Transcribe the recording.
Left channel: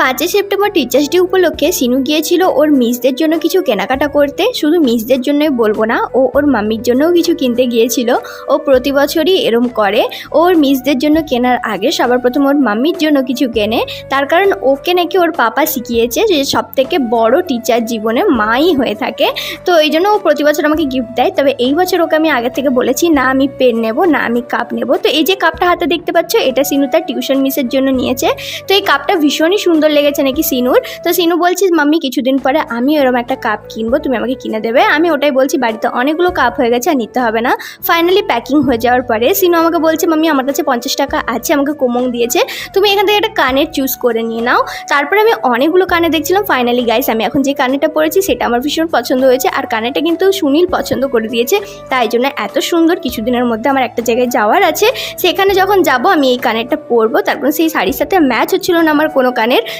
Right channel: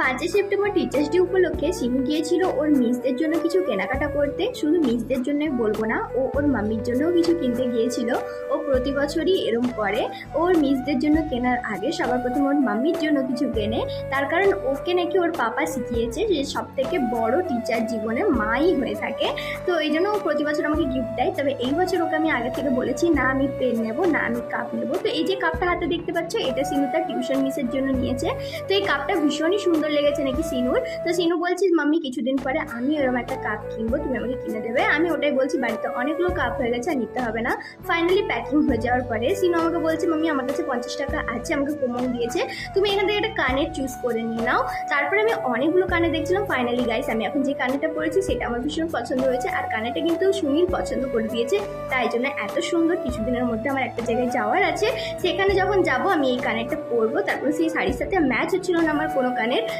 5ই September teachers day উপলক্ষে সিনু গিয়েছিল ওর মিসদের জন্য কিছু কেনাকাটা করতে। শুধু মিসদের জন্যই বলবো না, ও ওর মাম্মির জন্যও কিছু কিনতে গিয়েছিল। ও প্রতি বছরই এরম করে, ওর মিসদের জন্য কেনার আগে সবার প্রথম ওর মাম্মির জন্য কিছু কেনে। তার কারণ ওকে নাকি ওর পাপা শিখিয়েছে যে সব থেকে বড় টিচার জীবনে মাই হয়ে থাকে। তো এই জন্য ও প্রতি বছর আমাকে গিফট দেয়। তবে এই বছর ওকে আমি আগে থেকে বলেছি, না আমি পেন নেব, না আমি কাপ নেব। তো এই যে কাপটা হাতে দেখতে পাচ্ছ, এটা সিনু তার টিউশন মিসের জন্য নিয়েছে। তো এই কাপটা ভীষণই সুন্দর লেগেছে নাকি সিনুর। তো সিনু বলছিস মাম্মি কিছুদিন পরে আমি এরকম একটা কাপ কিনবো, তুমি আমাকে কিনে দেবে। আমি ওটাই বলছি, বাড়িতে অনেকগুলো কাপ হয়ে গেছে আর নিতে হবে না। ফাইনালি প্যাকিং হয়ে যাওয়ার পরে সিনু আমাকে বলছে, মাম্মি আমার কাছে 50 টাকা আছে, আমাকে কোমং দিয়েছে, তুমি এখান থেকে একটা কানের চুজ করে নিয়ে নাও। তারপরে আমি অনেকগুলো কানে দেখছিলাম। ফাইনালি গাইস, আমি এখন যে কানেরটা পরেছি সেটা আমার ভীষণ পছন্দ হয়েছে। আর কানেরটা কিন্তু সুনীল পছন্দ করে দিয়েছে, তাই জন্য এত সুন্দর। কিছুদিনের মধ্যে আমার একটা জায়গায় যাওয়ার আছে, সেখানে যখন যাব আমি এই কানেরটা পরবো। তারপর সেই শাড়ির সাথে ম্যাচ হচ্ছিল না আমার কোনো কানের।